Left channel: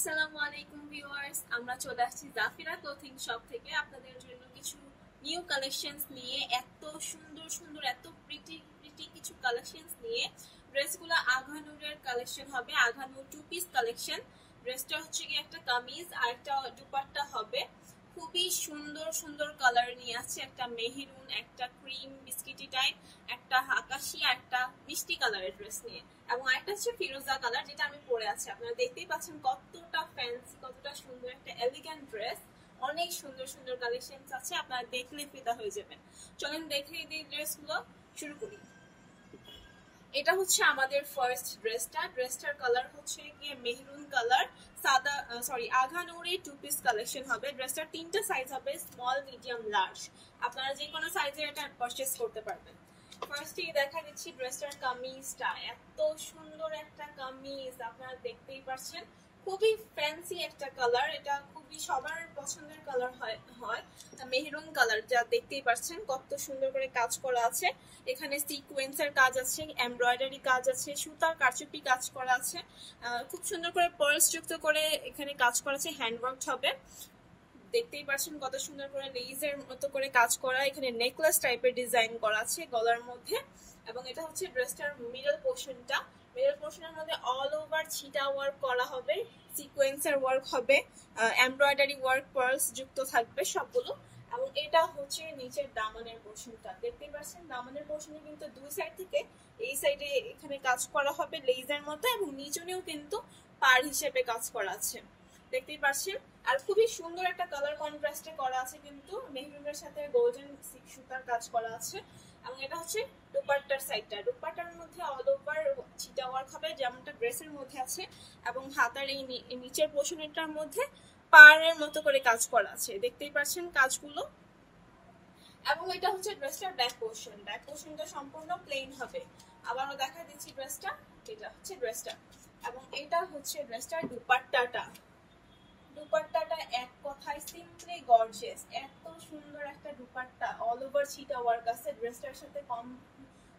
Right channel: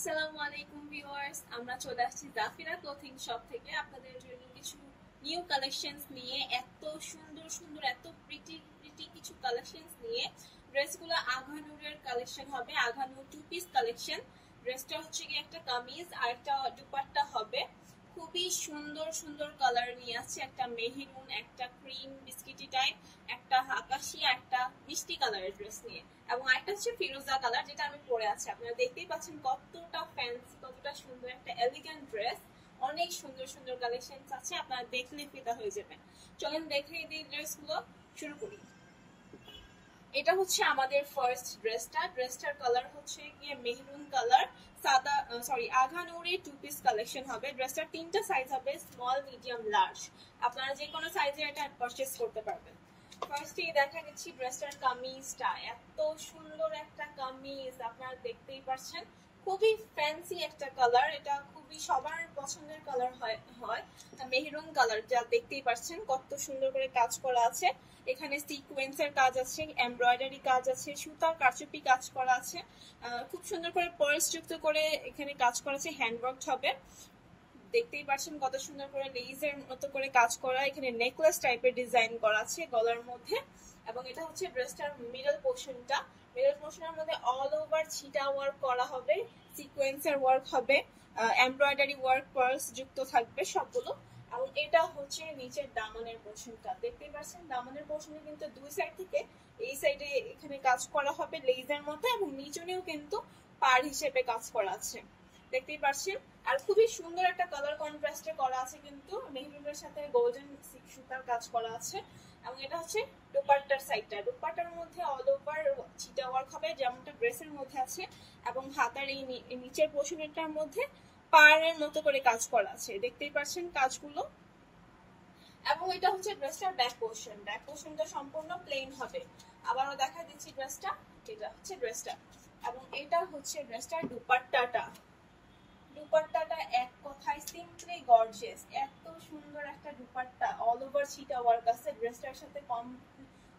আসসালামু আলাইকুম ভিউয়ার্স, আমরা চলে আসছি জাফিরা ক্লোথিং শপ থেকে আপনাদের জন্য কিছু নিউ কালেকশনস নিয়ে। এত সুন্দর সুন্দর এত প্রিটি প্রিটি কিছু কালেকশনস নিয়ে। ড্রেসগুলো আঘানুরের কালেকশন হবে, আঘানুর টু পিস কালেকশন। ড্রেসটা হচ্ছে কি একটা কামিজ আর একটা দুপাট্টা হবে। খুবই সুন্দর সুন্দর কালার নিয়ে আছে, একটা মেহেরুন, একটা ক্রিম বিস্কিটি টাইপ, একটা আকাশি আর একটা মিষ্টি কালারের ড্রেস নিয়ে, এবং আরেকটা হচ্ছে ফিরোজা কালার যেটা আমি পরে আছি। আপনারা দেখতেই পাচ্ছেন কতটা ফ্যান্সি, কতটা সুন্দর একটা এলিগ্যান্ট ড্রেস। অনেক সুন্দর সুন্দর কালেকশন আছে, আপনারা দেখলে ফিদা হয়ে যাবেন। চলেন দেখে এই ড্রেসগুলো শুরু করি। এটা হচ্ছে আমাদের ফার্স্ট ড্রেসটার কালার হচ্ছে গিয়ে মেহরুন কালার, সাদা আঘানুরি টু পিস কালেকশন হবে। ড্রেসটার তিনটা সাইজ হবে, স্মল, মিডিয়াম, লার্জ। আপনারা যে কোনো সাইজের এটা পারচেজ করতে পারবেন। ফার্স্টে দেখা দিচ্ছি ড্রেসটার কামিজটা। এত সুন্দর একটা কামিজ, আপনারা দেখতেই পাচ্ছেন। খুবই ফ্যান্সি একটা কালার, এটা খুবই সবার পছন্দের কালার হয় মেহরুন কালার, যা দেখতেই পাচ্ছেন কত সুন্দর করে কাজ করা আছে। এখানে সিকোয়েন্সের কাজ আছে, এমব্রয়ডারি কাজ আছে, সুতার কারচুপি কাজ করা আছে, খুব সুন্দর করে পার্লস যুক্ত করে এখানে কাজ করা আছে, হ্যান্ডওয়ার্ক হবে। দেখতেই পাচ্ছেন কত সুন্দর করে লেজের মতো করে কাজ করা, এখানে নেকলেস টাইপের ডিজাইন করা আছে গলার মধ্যে। এবং এটা হচ্ছে ড্রেসটার মিডল পোর্শনটা। মিডল পোর্শনের মধ্যে অল ওভার ছিটা ওয়ার্ক করা হবে, সিকোয়েন্সের ওয়ার্ক হবে, এমব্রয়ডারি ওয়ার্ক, পার্লস যুক্ত থাকবে সবগুলো। এবং এটা হচ্ছে নিচের দামানের পোর্শনটা। দেখতেই পাচ্ছেন দামানের পোর্শনে কিন্তু দুই সাইড থেকে এই সাইডে এখানে কাজ করা হবে লেজের মতো, এবং নিচনেও কিন্তু পার হিসেবে কাজ করা আছে, দেখতেই পাচ্ছেন। আর খুবই সুন্দর একটা কালার কন্ট্রাস্টে করা আছে, কিন্তু মেহরুনের সাথে গোল্ডেন সুতার কাজ করা আছে। এবং এটা হচ্ছে দুপাট্টার সাইডটা। দুপাট্টার মধ্যে অল ওভার ছিটা ওয়ার্ক হবে যেমনটা ড্রেসের মধ্যে আছে, এবং হাতার এই নিচের পোর্শনটার মধ্যে পাড়ের মতো করে কাজ করা আছে, দেখতেই পাচ্ছেন কাজগুলো। এবং এটা হচ্ছে ড্রেসটার ব্যাক পোর্শন। ব্যাক পোর্শনটা সম্পূর্ণ প্লেন হবে। আবারও দেখা দিচ্ছি ড্রেসটা, এটা হচ্ছে ড্রেসটা। এবং এটা হচ্ছে ড্রেসটার দুপাট্টাটা। দুপাট্টাটা এক কথায় সিম্পলি গর্জিয়াস। এত সুন্দর একটা দুপাট্টা, অল ওভার ছিটা ওয়ার্ক আছে, ড্রেসটার সাথে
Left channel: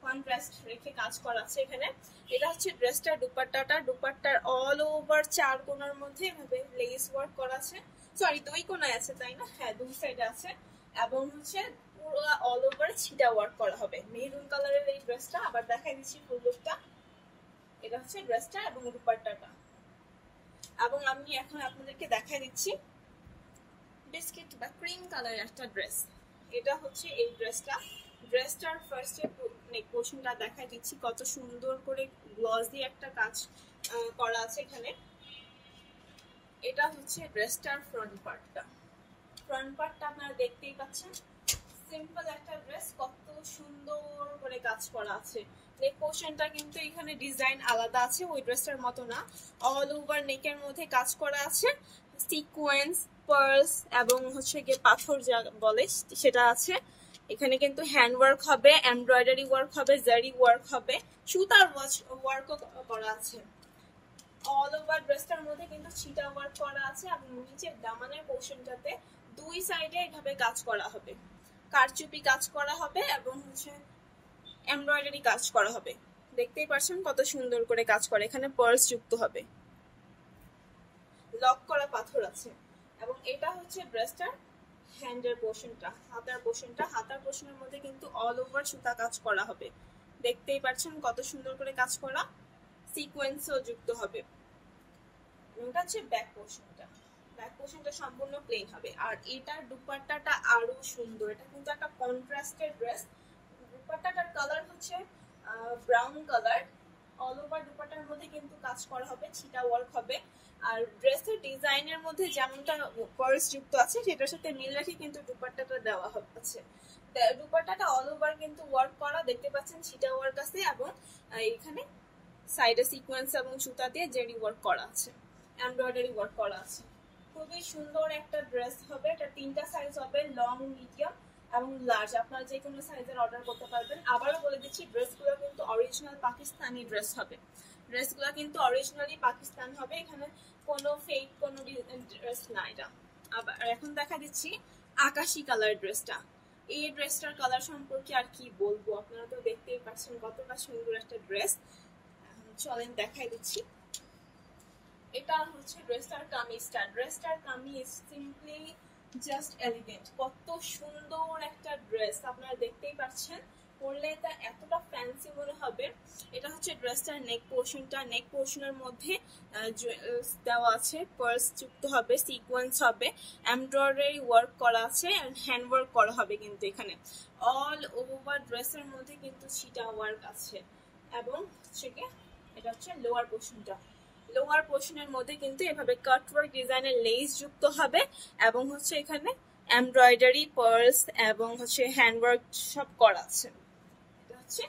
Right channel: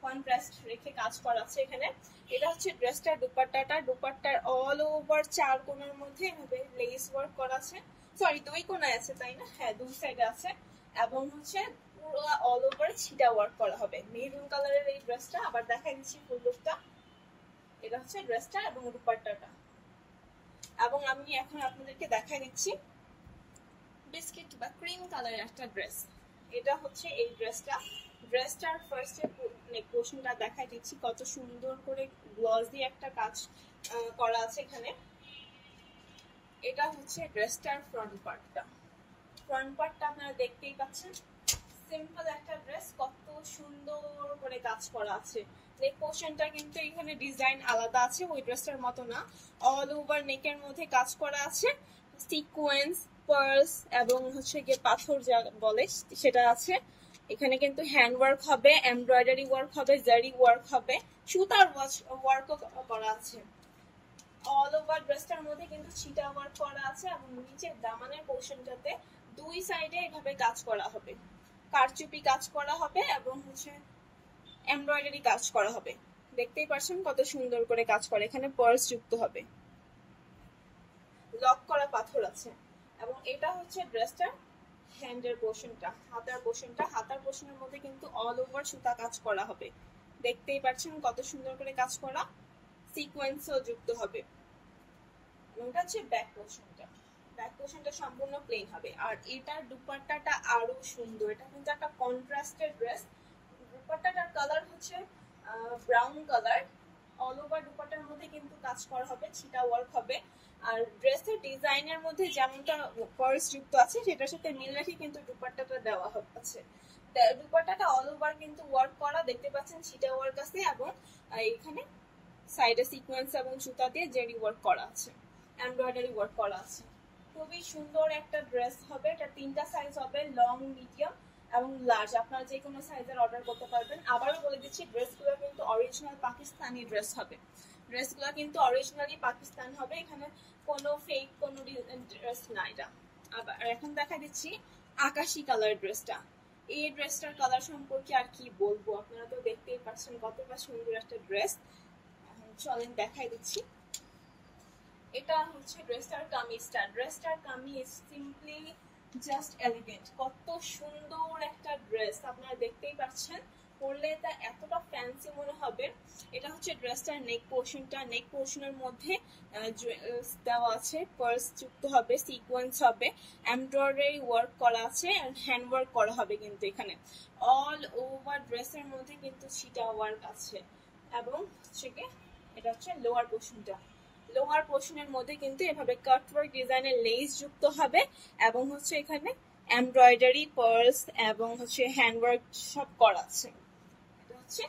কন্ট্রাস্ট রেখে কাজ করা আছে এখানে। এটা হচ্ছে ড্রেসটার দুপাট্টাটা। দুপাট্টার অল ওভার চার কোণার মধ্যে এভাবে লেস ওয়ার্ক করা আছে, সরি দুই কোণায় আছে তাই না, হ্যাঁ দুই সাইডে আছে। এবং হচ্ছে পুরো অল ওভার ছিটা ওয়ার্ক করা হবে। মেরুন কালারের এই ড্রেসটা। আবার দেখাই দিচ্ছি ফুল লুকটা। এটা হচ্ছে ড্রেসটা এবং দুপাট্টাটা। এবং আমি এখন আপনাদেরকে দেখাই দিচ্ছি বিস্কিট বা ক্রিম কালারের একটা ড্রেস। এটা হচ্ছে এই ড্রেসটা। ড্রেসটার ফার্স্টে নেক পোর্শনটা দেখাই দিচ্ছি, কত সুন্দর করে গ্লসি একটা কাজ করা আছে এখানে। এটা হচ্ছে ড্রেসটার ফ্রন্ট পার্টটা। ফ্রন্ট পার্টটা আপনারা দেখতেই পাচ্ছেন। সিম্পল একটা ড্রেস, কত সুন্দর করে কাজ করা আছে। নেক পোর্শনটা কিন্তু এখানে ডিজাইন আলাদা আছে, ওই ড্রেসটার মতো না। অল ওভার নেকের মধ্যে কাজ করা আছে, সিকোয়েন্স, পার্লস এবং হচ্ছে গিয়ে পাথর যা বলে সেটা আছে। এখানে কিন্তু হ্যান্ড ওয়ার্ক হবে, এমব্রয়ডারি ওয়ার্ক হবে, জারি ওয়ার্ক হবে, সুতার ওয়ার্কও করা আছে। অল ওভার ড্রেসটার মধ্যে কিন্তু ছিটা ওয়ার্ক করা আছে, এবং নিচের দামানের পোর্শনটাতে দুই সাইডে এভাবে কাজ করা হবে, কারচুপি কাজ করা হবে, এবং হচ্ছে এমব্রয়ডারি কাজ করা হবে। দেখতেই পাচ্ছেন কত সুন্দর করে কাজ করে। এখানে পার্লস যুক্ত হবে, লক করা পাথর আছে। এবং এটা হচ্ছে ড্রেসটার হ্যান্ডের পোর্শনটা, হাতার পোর্শনটা। হাতার পোর্শনের মধ্যে কিন্তু অল ওভার সুতা কাজ করা হবে, দেখতেই পাচ্ছেন কত সুন্দর করে কাজ করা, সিকোয়েন্সও যুক্ত হবে। এটা হচ্ছে ব্যাক পোর্শনটা। ব্যাক পোর্শনটা সম্পূর্ণ প্লেন হবে। আর এটার দুপাট্টাটা আরো সুন্দর। এটা কিন্তু একটা কন্ট্রাস্টেড ড্রেস। দুপাট্টাটার কালার হচ্ছে ব্রাউন কালার। অল ওভার দুপাট্টার মধ্যে কিন্তু কাজ করা হবে, ছিটা ওয়ার্ক হবে। আর ড্রেসের ডিজাইনের মধ্যে যেমনটা পার্লস যুক্ত আছে সেটার সাথে মিল রেখে কিন্তু দুপাট্টাটা দেওয়া আছে। দুপাট্টাটা অল ওভার কিন্তু ওয়ার্ক করা, দেখতে পাচ্ছেন ছিটা ওয়ার্ক আছে, এবং এখানে সাইডে সিকোয়েন্স এবং সুতা দিয়ে জেরি ওয়ার্ক করা আছে, এমব্রয়ডারি ওয়ার্ক করা আছে। খুবই সুন্দর একটা ড্রেস হবে। এটা তিনটা সাইজ হবে, লং, মিডিয়াম এবং লার্জ। আপনারা যে কোনো সাইজের অর্ডার করতে পারবেন। আবারও বলে দিচ্ছি ড্রেসগুলো কিন্তু অরিজিনাল পাকিস্তানি ড্রেস হবে। ড্রেসগুলো কিন্তু অরিজিনালি পাকিস্তান হবে, এখানে কোনো ফেক কোনো ড্রেস না এটা। আবার এখন দেখা দিচ্ছি আকাশি কালার ড্রেসটা। এই ড্রেসটার কালার সম্পর্কে আর কি বলবো, আপনারা তো দেখতেই পাচ্ছেন কতটা সুন্দর একটা ড্রেস। চলেন দেখাই দিচ্ছি। এটা হচ্ছে ড্রেসটার কামিজটা। ড্রেসটার কামিজ সিম্পলি জাস্ট এলিগেন্ট, কত সুন্দর একটা ড্রেস আপনারা দেখতেই পাচ্ছেন। পরলে এটা এতটা ফ্যান্সি মনে হবে। এটা হচ্ছে ড্রেসটার নেক পোর্শনটা। নেক পোর্শনের মধ্যে দেওয়া আছে, পার্স যুক্ত হবে, সিকোয়েন্স হবে, এমব্রয়ডারি ওয়ার্ক করা আছে, হ্যান্ড ওয়ার্ক করা হবে কিন্তু এখানে। অল ওভার ড্রেসের মধ্যে কিন্তু সিটা ওয়ার্ক আছে। এবং সেকে এটা হচ্ছে লোয়ার পোর্শনটা। লোয়ার পোর্শনের মধ্যে কিন্তু এভাবে কাটওয়ার্ক ডিজাইনের লেস যুক্ত হবে এবং হচ্ছে এখানে এমব্রয়ডারি, পার্লস এবং হচ্ছে হ্যান্ডওয়ার্ক সব করা আছে। এটা হচ্ছে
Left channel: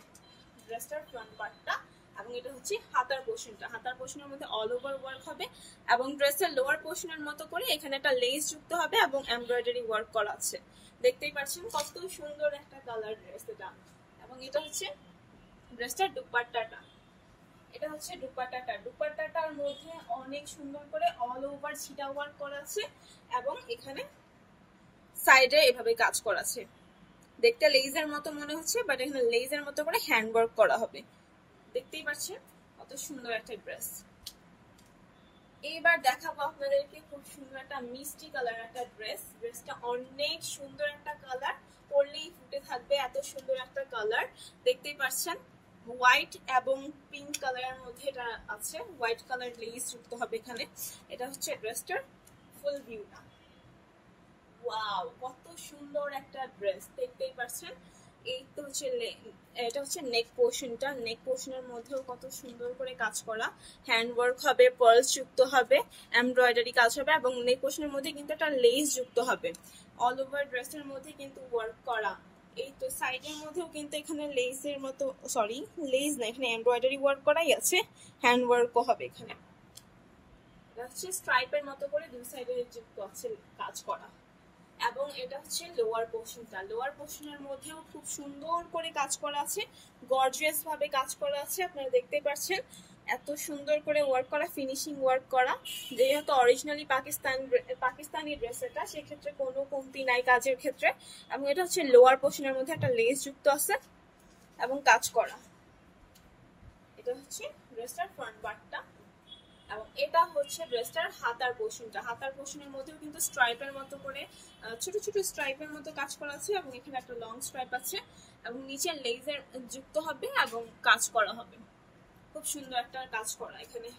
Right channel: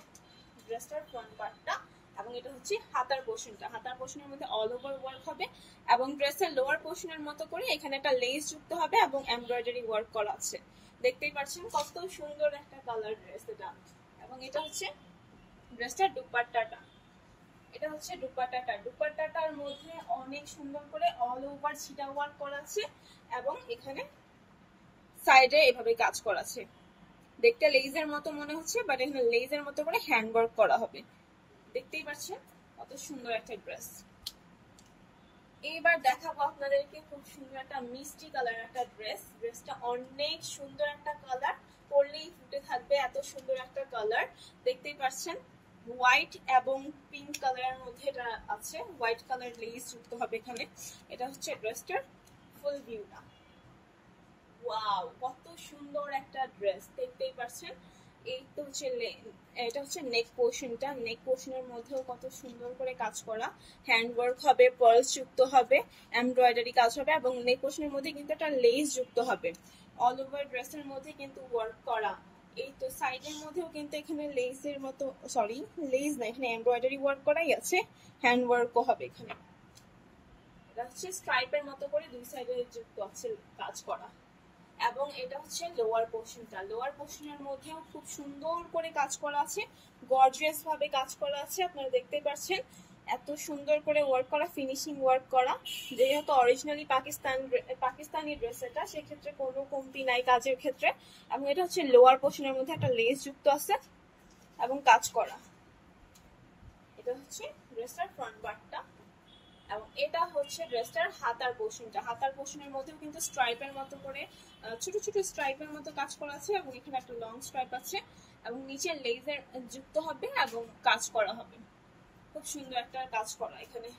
ড্রেসটার ফ্রন্ট পার্টটা এবং এটা হচ্ছে হাতার পোর্শনটা। হাতার পোর্শনের মধ্যে অল ওভার ওয়ার্ক হবে এবং ড্রেসের লোয়ার পোর্শনের মতো করে এখানে একটা লেস যুক্ত হবে এবং এমব্রয়ডারি ওয়ার্ক করা আছে। দেখতেই পাচ্ছেন কত সুন্দর একটা কালার ড্রেস এটা। এবং এটা হচ্ছে ড্রেসটার দুপাট্টাটা। এটা হচ্ছে দুপাট্টাটা। দুপাট্টাটার মধ্যে অনেক সুন্দর করে অল ওভার ছিটা ওয়ার্ক করা আছে এবং এখানে সাইডে এভাবে কাজ করা আছে। দেখতে লেজের মতো মনে হচ্ছে, বাট এখানে লেজের মতো করে হ্যান্ড ওয়ার্ক করা হবে। দেখতেই পাচ্ছেন কত সুন্দর একটা ড্রেস। এইবার দেখাবো আপনাদেরকে খুব সুন্দর একটা মিষ্টি কালার একটা ড্রেস। ড্রেসটা অনেক সুন্দর একটা কালার, পরলেই ফুটে থাকবে এত সুন্দর একটা কালার। দেখতেই পাচ্ছেন হোয়াইট এবং পিঙ্ক কালারের মধ্যে এটা আছে। হোয়াইট কালার লেস যুক্ত হবে এখানে। এটা হচ্ছে ড্রেসটার ফুল ভিউটা। ওয়াও, কত সুন্দর একটা ড্রেস। দেখতেই পাচ্ছেন এই তো হচ্ছে এটা হচ্ছে নেক পোর্শনটা। নেক পোর্শনের মধ্যেও কত সুন্দর করে কাজ করা, হ্যান্ড ওয়ার্ক হবে, পার্লস যুক্ত হবে, এমব্রয়ডারি কাজ হবে এবং নেক পোর্শনের মধ্যে কিন্তু একটা লেস যুক্ত হবে। অল ওভার ড্রেসের মধ্যে কিন্তু ওয়ার্ক করা। এই তো সাইডের মধ্যেও কিন্তু এখানে লেসের মতো, সরি লেস না, এখানে এমব্রয়ডারি ওয়ার্ক করাই আছে, হ্যান্ড ওয়ার্কও হবে এখানে। এটা হচ্ছে স্ট্রাইপের মতো করে দুই সাইডে যুক্ত আছে কাজ করা। এবং এটা হচ্ছে লোয়ার পোর্শনটা। লোয়ার পোর্শনের মধ্যেও খুব সুন্দর করে কাজ করা আছে, গর্জিয়াস ভাবে কাজ করা আছে। আপনারা দেখতে পাচ্ছেন এত সুন্দর করে ওয়ার্ক করা, ফিনিশিং ওয়ার্ক করা। যেহেতু অরিজিনালি পাকিস্তানি ড্রেস এটা, সেক্ষেত্রে কোনো কমতি নাই কাজের ক্ষেত্রে। এবং এটা হচ্ছে লোয়ার পোর্শনের মধ্যে একটা লেস যুক্ত আছে এবং কাজ করা। এটা হচ্ছে ড্রেসটার ফ্রন্ট পার্টটা এবং এটা হচ্ছে ড্রেসটার হাতার পোর্শনটা। হাতার পোর্শনের মধ্যেও কিন্তু স্ট্রাইপের মতো করে ছোট ছোট স্ট্রাইপের মতো কাজ করা আছে এবং এখানে একটা লং স্ট্রাইপ আছে এবং নিচে লেজের যুক্ত হবে এবং কাজ করা হবে। খুব সুন্দর একটা কাজ করা এখানে।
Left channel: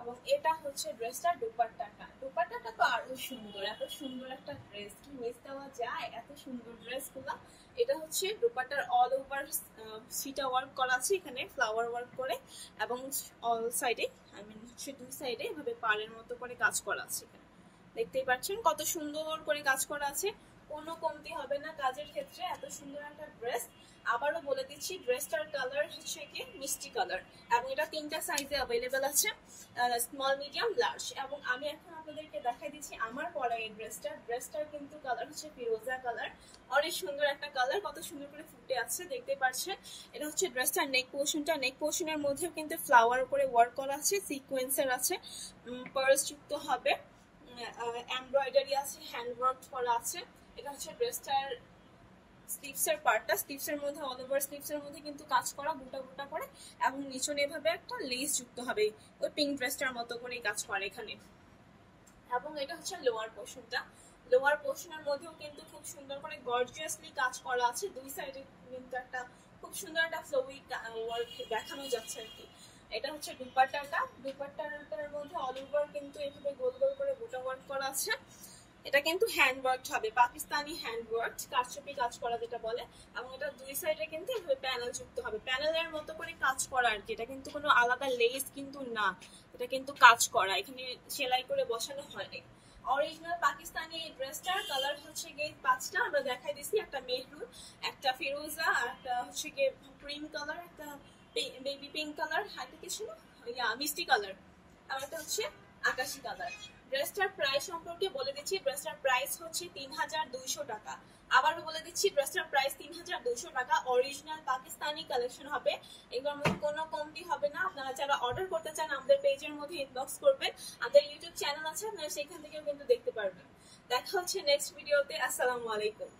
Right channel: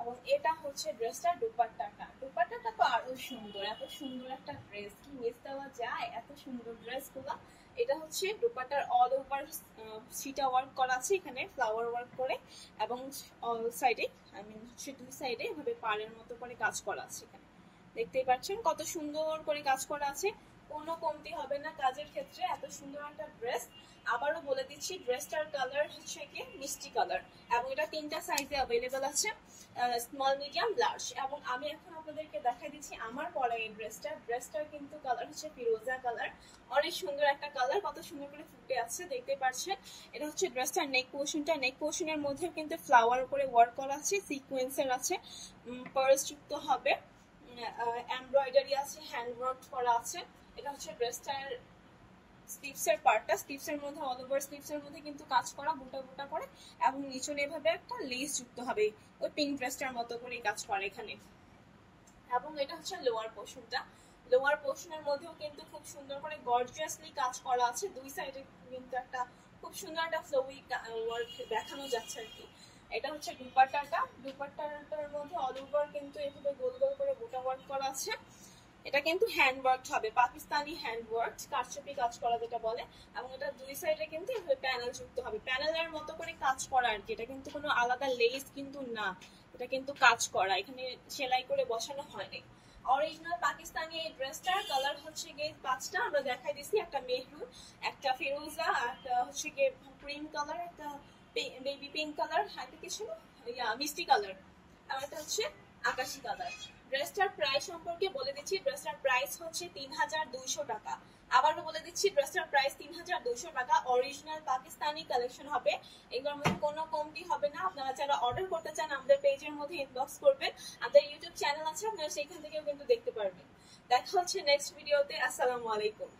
এবং এটা হচ্ছে ড্রেসটার দুপাট্টাটা। দুপাট্টাটা তো আরো সুন্দর, এত সুন্দর একটা ড্রেস কি মিস দেওয়া যায় এত সুন্দর ড্রেসগুলো। এটা হচ্ছে দুপাট্টার অল ওভার সিটা ওয়ার্ক করা আছে এখানে, ফ্লাওয়ার ওয়ার্ক করে এবং অল সাইডে হচ্ছে দুই সাইডে এভাবে পাড়ের মতো করে কাজ করা আছে এখানে। দেখতেই পাচ্ছেন কত সুন্দর করে কাজ করা আছে, কোনো কমতি হবে না কাজের ক্ষেত্রে। এত সুন্দর একটা ড্রেস। আবারও বলে দিচ্ছি ড্রেসটার কালার হচ্ছে কি মিষ্টি কালার এবং এটা তিনটা সাইজে অ্যাভেলেবেল আছে, স্মল, মিডিয়াম, লার্জ। এবং আমি এখন আপনাদেরকে দেখাই দিচ্ছি আমার পরা এই ড্রেসটার কিন্তু কালার হচ্ছে ফিরোজা কালার। অনেক সুন্দর একটা কালার, কত সুন্দর করে ফুটে আছে দেখতে পাচ্ছেন। এটা হচ্ছে ড্রেসটার নেক পোর্শনটা। নেক পোর্শনের মধ্যেও কিন্তু ফ্লাওয়ার করে ওয়ার্ক করা আছে, সিকোয়েন্সের আছে, পার্লস যুক্ত হবে, এমব্রয়ডারি আছে, হ্যান্ড ওয়ার্ক করা আছে। এটা হচ্ছে ড্রেসটার স্লিভসের পার্টটা। স্লিভসের মধ্যে অল ওভার স্লিভসের মধ্যে কিন্তু কাজ করা গোটা গোটা করে এবং নিচনে এভাবে একটা লেস যুক্ত হবে, ওই পিঙ্ক ড্রেসটার মতো করে কাজ করে এখানে। এবং এটা হচ্ছে লোয়ার পোর্শনটা। লোয়ার পোর্শনের মধ্যেও কিন্তু খুব সুন্দর করে গর্জিয়াসলি কাজ করা আছে। দুই সাইডে কিন্তু একটা খুব সুন্দর একটা ফ্লোয়ি ওয়ার্ক দেখানো যাচ্ছে আর কি। এটা হচ্ছে দুপাট্টাটা। দুপাট্টাটার মধ্যে অল ওভার কিন্তু এভাবে গোল গোল করে গোটা ওয়ার্ক করা আছে। এটা কিন্তু হ্যান্ড ওয়ার্ক হবে, পাকিস্তানি হ্যান্ড ওয়ার্ক, কারচুপি কাজ করা যেটা বলে। এবং এটা দুই সাইডে কিন্তু এভাবে প্যানেল যুক্ত হবে, প্যানেলের মতো করে কাজ করা আর কি। এটা কিন্তু কোনো আলাদা লেস কিন্তু না, এটা কিন্তু কাজ করা, এখানে সেলাই করে বসানো হয়নি। অরিজিনাল পাকিস্তানি এই ড্রেসটার কালার হচ্ছে গিয়ে পাঁচটা আমরা দেখাই দিছি, একটা মেহরুন, একটা ফিরোজা, একটা হচ্ছে গিয়ে ক্রিম কালার, একটা বেবি পিঙ্ক কালার, হাতে কিছু মিষ্টি কালার, আর একটা হচ্ছে আকাশি কালার। ড্রেসটার প্রাইস সম্পর্কে বলে দিচ্ছি, ড্রেসটার প্রাইস হচ্ছে 3200 টাকা। আবারও বলে দিচ্ছি ড্রেসটার প্রাইস 3200 টাকা। অরিজিনাল পাকিস্তানি কালেকশন হবে, এগুলোর মধ্যে কোনো কমতি হবে না। আপনারা যারা অর্ডার করতে চান আমাদের পেজের মধ্যে ইনবক্স করবেন, আমাদের ইউটিউব চ্যানেল আছে, আপনারা সেখান থেকেও কিন্তু দেখতে পারবেন। দেখা হচ্ছে নেক্সট ভিডিওতে। আসসালামু আলাইকুম।